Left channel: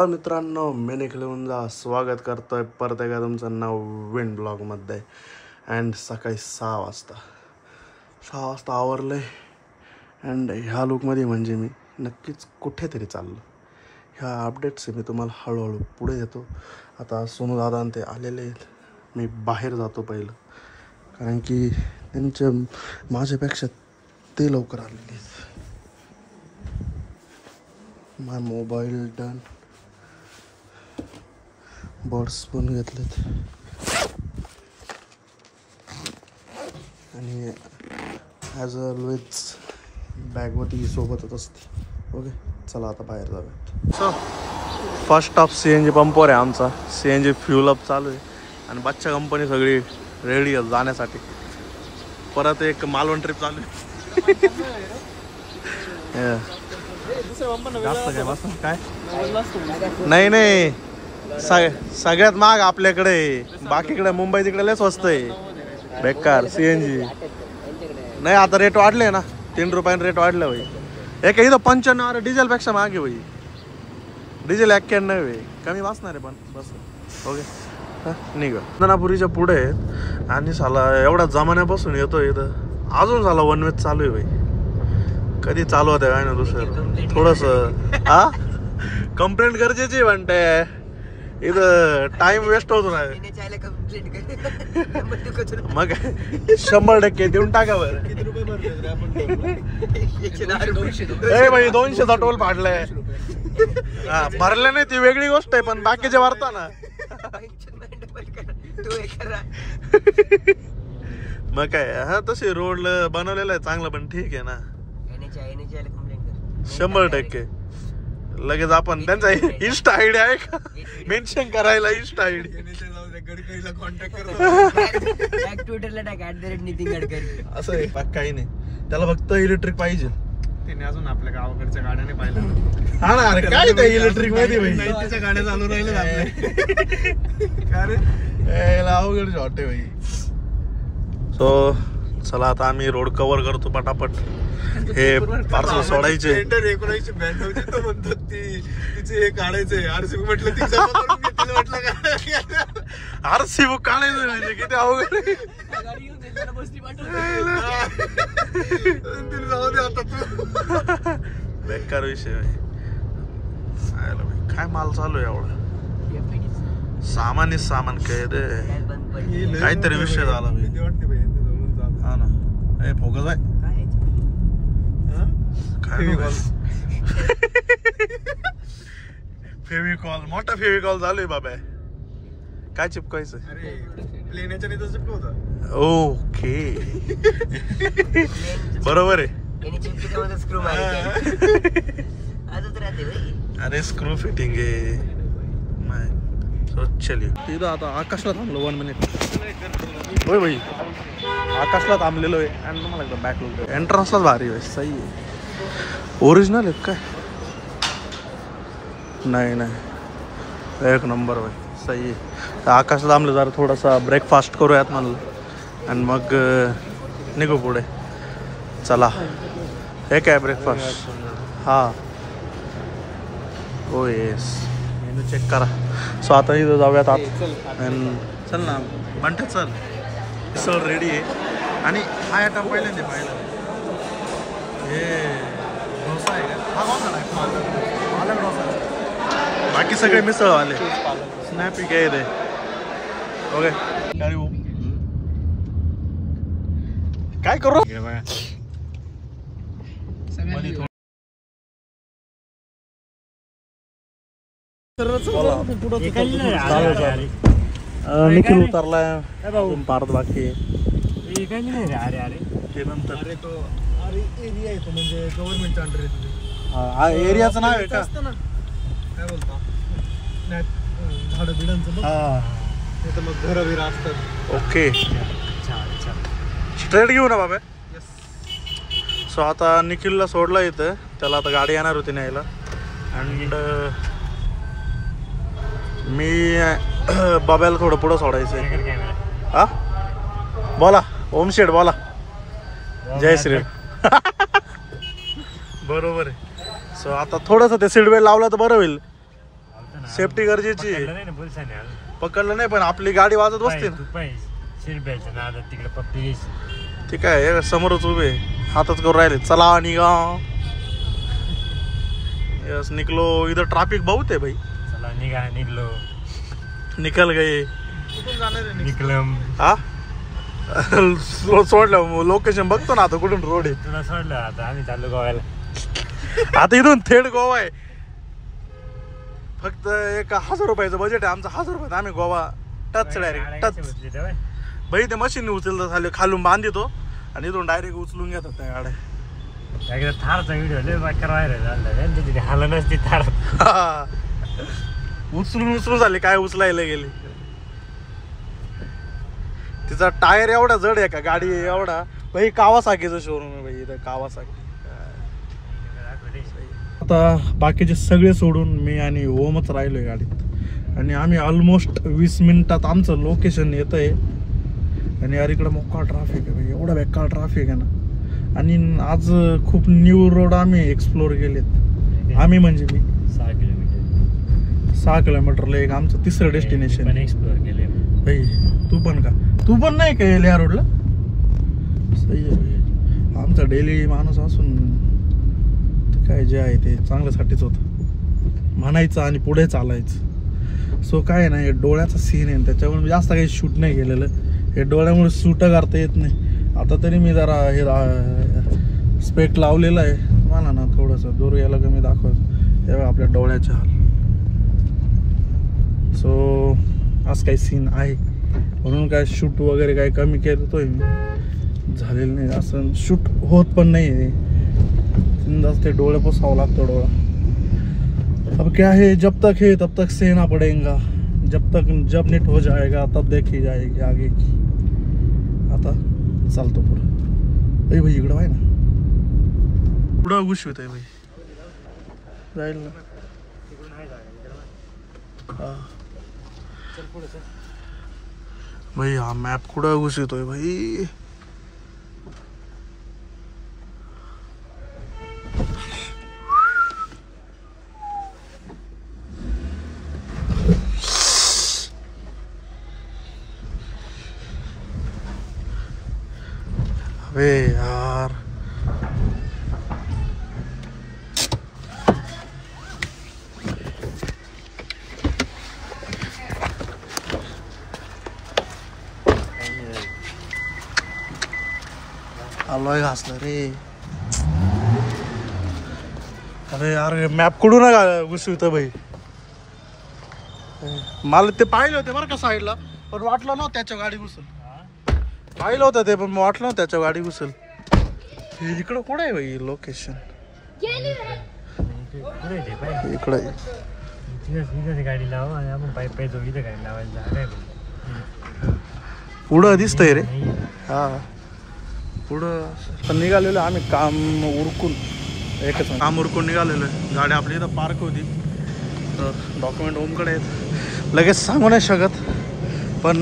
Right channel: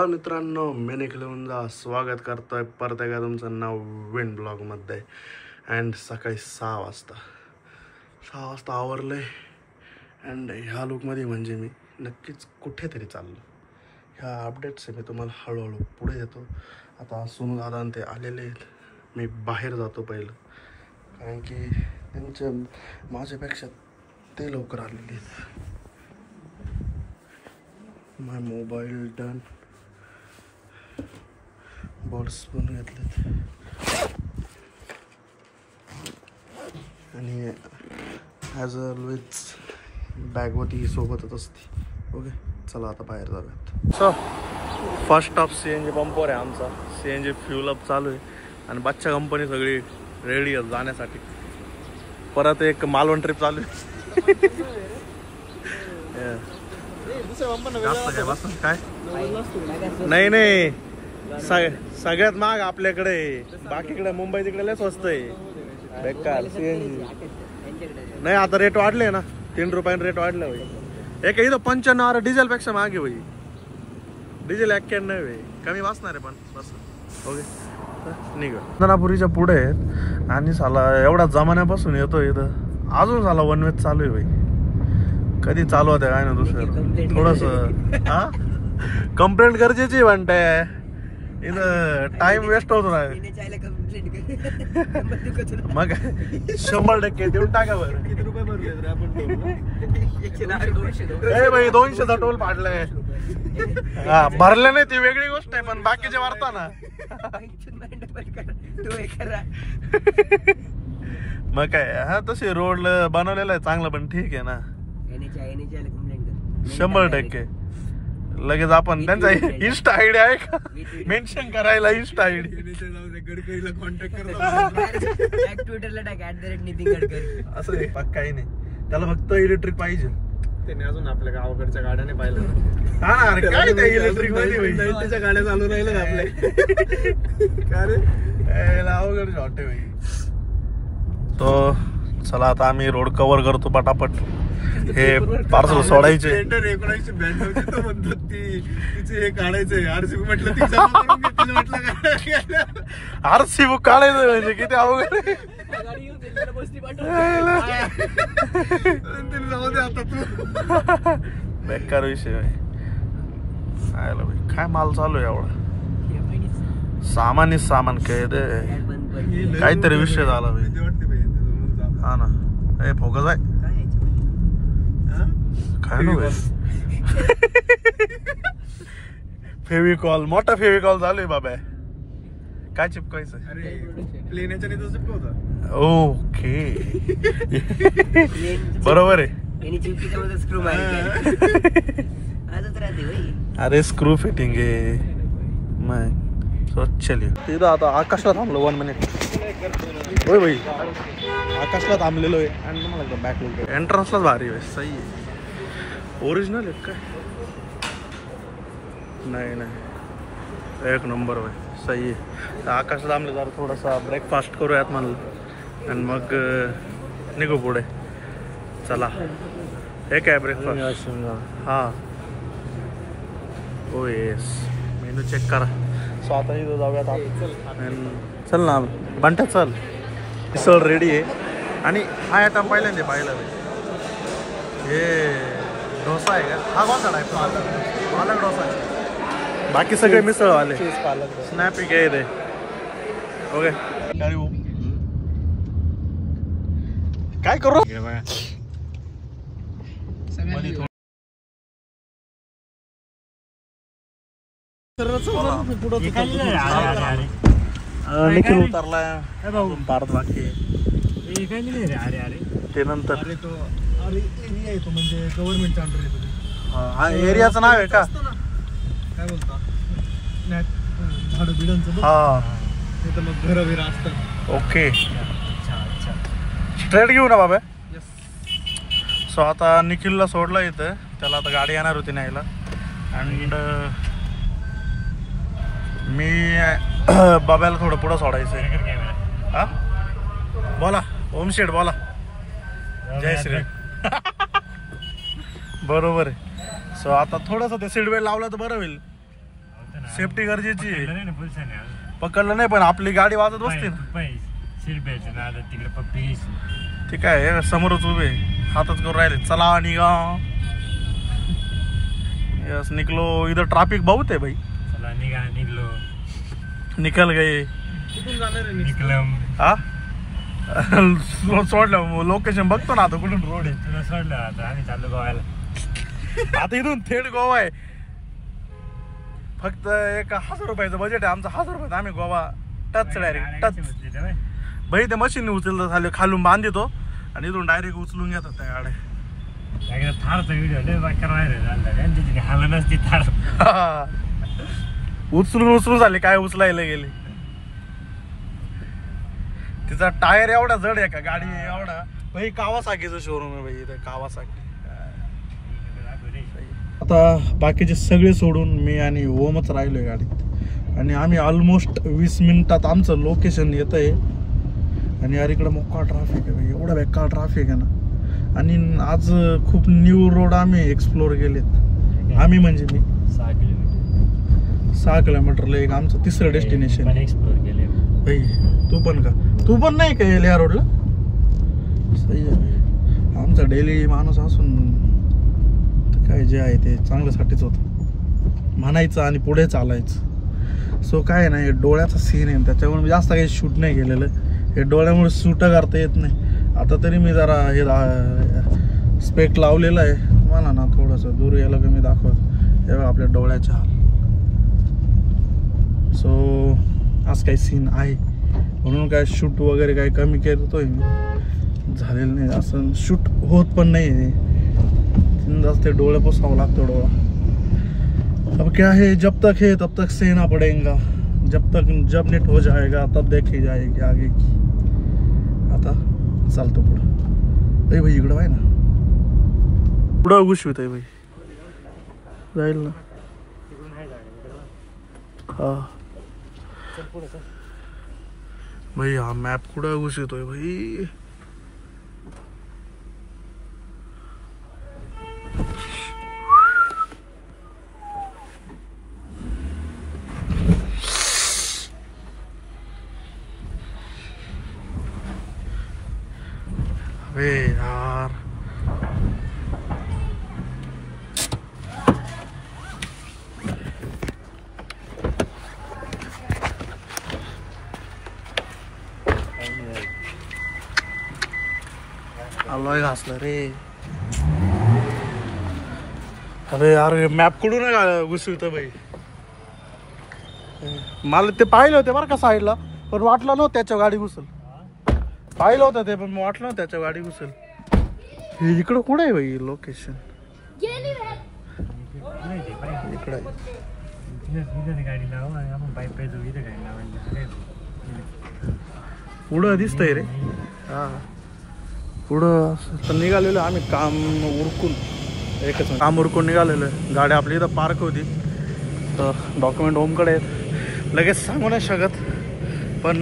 Hello मित्रांनो, मी निखिल उंजा स्वागत करतोय परत एकदा तुमचं नवीन ब्लॉगमध्ये. अँड सकाळी 6 वाजता आवरले. अँड ह्या लुकमध्ये म्हणजे मी नक्कीच कुठेतरी चाललो. ह्या अपडेट्स मी तुम्हाला हळूहळू पुढे देतो. आता सोनू दादा ते आलेले आहेत. मी बाहेर जातो पहिलं, कारण की त्यांच्या माझ्यापेक्षा ते लवकर आलेले आहेत. माय मोबाईल डन, बर्ड्स पण घेतलेत आणि ॲज ऑलवेज बॅगवरती सोबतच असते. ओके, चला आता बाहेर जाऊयात. सो फर्स्ट स्टॉप CNG पंपवर आहे आमचा. CNG फ्यूल अप चालू आहे आणि बच्चा कंपनी सगळी रेडी आहे जाण्यासाठी. परत एक मालवण ट्रिप चालू आहे. काय नाही सगळ्यात महाग आपल्याकडे, बाकीकडे मुंबई तिकडे लय स्वस्त आहे. बेकार CNG नाही, आता रेट वाढले ना, 3 रुपयाने रेट वाढले भाई. एक इथं 95 डिझेल पेक्षा महाग आहे भाई. डिझेल 91 आहे, कमी वाचणार आहे पण बस. ओके निघ नागपुरीच्या पुढे आहेत आणि साला एवढा जमान्यापासून येतो इथं, अजून साला वन वेच चालू आहे भाई. कधी चालू होते काय ना दुसरं थोडस. हा कंप्लेंट गरजेची म्हणते, इथं टाइम वेस्ट होतो ना. मग 100% देऊन टाका. किती रुपये भरले आपण? 200चा टोल फाडलाय. हा भरले नाही ती वेगळी गोष्ट आहे, पण बाकीचे भरता ना. मग काय, हा तसे रोड बनवलेला आहे चांगलं, पण ठीक आहे ना. 100% लगेच आपण त्यांचा इन्स्टा आयडी आहे का मेन्शन करायला? इन्स्टा आयडी गडकरीला कॉन्टॅक्ट करा, ट्विटरला टाक @नितीन गडकरी असं आहे. काही नाही, त्याला फक्त इलेक्ट्रिक पाहिजे. त्याने अजून आपल्या गावाकडच्या गाड्या नाही पाहिल्या. हा ना, काय त्या इलेक्ट्रिक मध्ये त्याच्या गाड्या चालू राहिल्या आपल्या. अरे अवघड वाटते भाई. सो चला आता आम्ही रोड कव्हर करतो पटापट. हे पार्सल सोडायचे. RC बुक काढायचं म्हणजे किती अवघड. बेकार विषय काय माल चालू आहे एवढा. सामान काय दे, काहीतरी विषय झाला भाई. हा ना, हे फोकस आहे फेविकॉल, मोठा फेविकॉल चालू आहे बाबा. काय चिपकायचं? ओके बरोबर आहे. अरे स्क्रू फिटिंग आहे मग. चलिए तिथं आता आकाशला थांबलो 1 मिनिट. होय भाई, आकाशला थांबलेलो आहे आणि तुम्हाला एकदम बॅक लुक. एंट्रन्सलाच भारी आहे, सही आहे. ओरिजिनल आहे काय? नाही एक नंबर भाई, सही आहे. तर आकाशला थांबलं जरा थोडासा ब्रेकफास्ट करूयात म्हणलं आणि मग निघू पुढे. चला हे काय ब्रेकफास्ट? हां हो येस, मेनू चेक करा. सो आता इथं जाऊयात आत. चल ना बंट्या चल. मिसळ रेडी आहे आणि हा आयटम पहिल्यांदा पाहिलं. हे डोसा आहे का? हा कोणता टाईप? पालक डोसा आहे. बाकी सगळे मिसळ आले. स्नॅपी काय दे. ओके काय करू? निखिल उतरलाय पार्थ बाकी ते नंतर. एरिया येतो म्हणजे गव्हर्नमेंटच्या अंडर. हा एरियाचं नाव आहे का? काय बोलता? झाडं बिडांचं. हा तर मग घरं बिरं असतात. ओके स्ट्रेट घेऊ ना बाबा. सो आता निखिलला सोडला इथं, त्याला आता गाडी येणार होती न्यायला. अँड मी बाब्याला थोडं पुढं सोडायचंय. हा बोला ओम शेठ बोला. जय श्री. बरोबर आहे. सो आता थोडंसं ते सीट बेल्ट लावला तर बरं होईल. सेफ्टी गरजेची आहे. पकडलं नाही पण आपली गाडी वाजत बसते ना. ते काय समोरच उभे हातच करून राहिले. चला निघा. यस निकलो. इधर ट्रॅफिक बहुत है भाई. चला निघा. निघलो. निकल गए. निकलम. हा सोडलं. लोकेशन बघतो ना आता कुठून रोड आहे. तुला सोडलं आता आम्ही चाललो गोव्याला. आता इथून थेट गोवा आहे. फक्त 1000 रुपयाचं बजेट आहे आमचं. 1000 रुपयात आम्ही गोवा टच डायरेक्ट टच. भाई ते मशीन उचलतं झाले खालून बांधितो आणि इथून डायरेक्ट उचलून घेतात त्या गाड्या. थारचा व्हिडिओ हाला नसते थार. उचलून झाले काय उचलायला गेले. तिचा टायर एवढा जड आहे का गाडी एवढा. भाई कावासाकीचं शोरूम आहे भाई इथं. कावासाकी. आता बाकीचे सगळे सोडून मी आणि ओमच राहिलोय गाडीत आणि आम्ही ऑलमोस्ट 20 मिनिटात आमचं लोकेशन येत आहे. आणि यार इकडे मोठा ट्रॅफिक आहे भाई. एवढा बेकार ट्रॅफिक आहे ना. आणि आज खूप न्यू रोड आम्ही एक्सप्लोर केलेत. आम्ही म्हणजे मी 6 किलोमीटरला एक आमचं तिसरं डेस्टिनेशन एक्सप्लोर केले भाई. तू पण का? तू पण नाही का या रोडला? सही आहे. आमचा डेली माणूस असून काय जे आहे ते चांगल्यासाठीच होतं म्हणायचं आणि पुढे चालायचं. सो काय नाही डोळ्याचा सीन आहे त्याच्यामुळे जास्त काही शूट नाही केलेलं. हे डोळ्यामुळे शूट करता येत नाही. आता तरी मी जरा हे स्पेक्ट लावलेलं आहे. मला ना थोडंसं दूर यायला कमी दाखवत तेव्हा आपल्या डोळ्याच्या हाल. सो आज काही सीन आहे म्हणून काय शूट वगैरे काही कमी करतोय मी. झालेलं नाही असं शूट होत पण नाही. ते डोळे पुसावं लागतं डोळा. अब क्या है जब तक है तब तक सहना पड़ेगा. जब नेट हो जाएगा तब देखी जाएगी आगे की. आता चालतो पुढं. भाई इकडं आहे ना पुढं घुसवित आहे भाई. जाईल ना. हा भाई हा मॅप कुठं घुसवितोय भाई. अबे यार आलोय घासलं रे. अरे यार मॅप कुठून घुसवित भाई. मला ते पाहिलं होते बरं का साईडला पण वाटलं नव्हतं त्याच्या गाडी घुसल. पाहिलं होतं ते पण वाटलं नव्हतं त्याच्या गाडी घुसल. हे इकडं कुठं आहे भाई लोकेशन. इकडं गाडी लावा. पुढं दिसतंय रे. हा पुढं तर निघालेलो आम्ही काम उरकून. एकच काम उरकून निघालेलो आहे. गाडी आपली इथं पार्क होती तर डॉक्युमेंट होमकडे आहेत. लगेच सांगू नाही शकत पण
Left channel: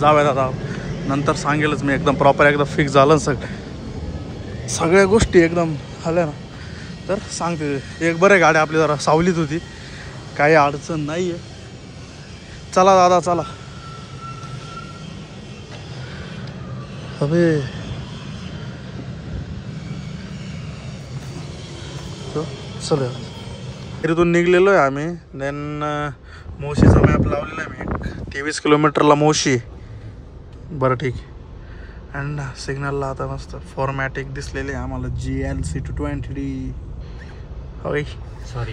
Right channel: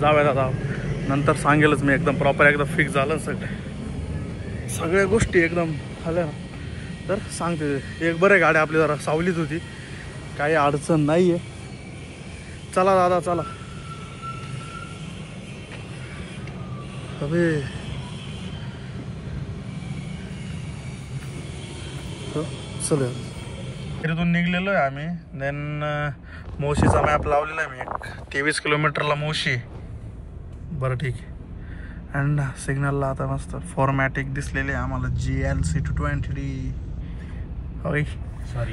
जाऊयात आता. नंतर सांगेलच मी एकदम प्रॉपर एकदा फिक्स झालं सगळ्या गोष्टी एकदम आल्या ना तर सांगते. एक बरं गाडी आपली जरा सावलीत होती. काही अडचण नाही आहे. चला दादा चला. अबे चल इथून निघलेलो आहे आम्ही. देन मोशीचा मॅप लावलेला आहे मी. 23 किलोमीटरला मोशी. बरं ठीक आहे. अँड सिग्नलला आता मस्त फॉर्मॅटिक दिसलेले आम्हाला GLC 220D. होय सॉरी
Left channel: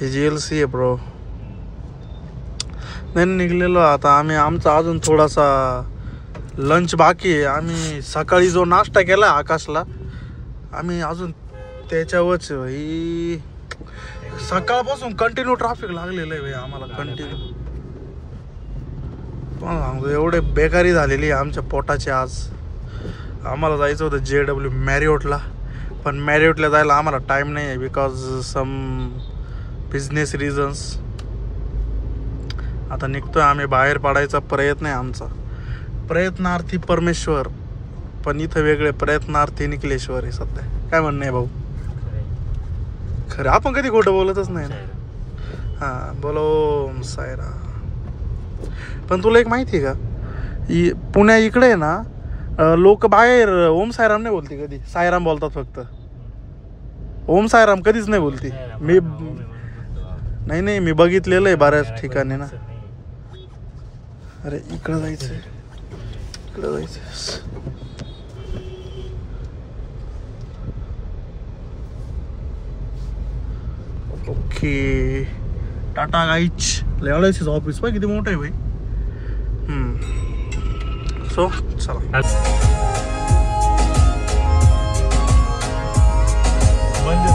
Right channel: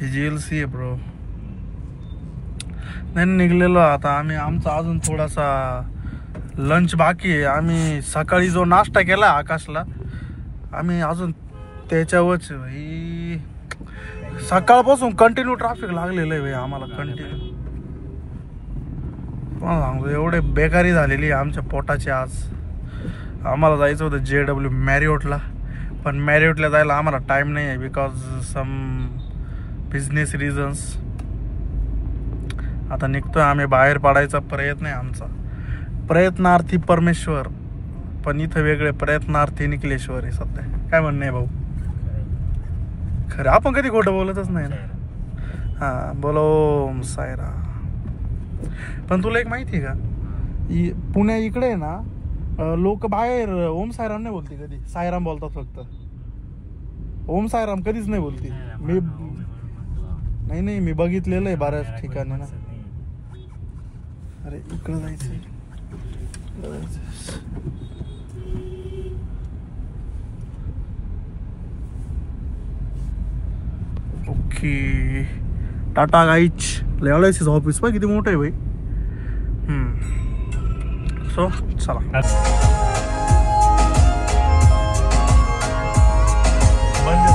हे GLC आहे ब्रो. नाही निघलेलो आता आम्ही. आमचा अजून थोडासा लंच बाकी आहे. आम्ही सकाळी जो नाश्ता केला आकाशला आम्ही अजून त्याच्यावरच भाई. सकाळपासून कंटिन्यू ट्रॅफिक लागलेलं आहे भाई आम्हाला. कंटिन्यू तुम्हाला सांगतो एवढे बेकारी झालेली आहे आमच्या पोटाची. आज आम्हाला जायचं होतं JW मॅरिओटला पण मॅरिओटला जायला आम्हाला टाईम नाही आहे बिकॉज सम बिझनेस रिझन्स. आता निघतोय आम्ही. बाहेर पडायचा प्रयत्न आहे आमचा. प्रयत्नार्थी परमेश्वर पण इथं वेगळे प्रयत्नार्थी निकलेश्वर आहे सध्या. काय म्हणणं आहे भाऊ? खरं आपण कधी खोटं बोलतच नाही ना. हा बोलो ओम सायरा. पण तुला एक माहिती आहे का, पुण्या इकडे आहे ना लोक बाहेर ओम सायराम नाही बोलते कधी, सायराम बोलतात फक्त. ओम सायराम कधीच नाही बोलते. मी नाही मी बघितलेलं आहे बऱ्याच ठिकाणी ना. अरे इकडं जायचं, इकडं जायचं. ओके टाटा गाईच. LIC's ऑफिस पाय किती मोठं आहे भाई. सो चला बंद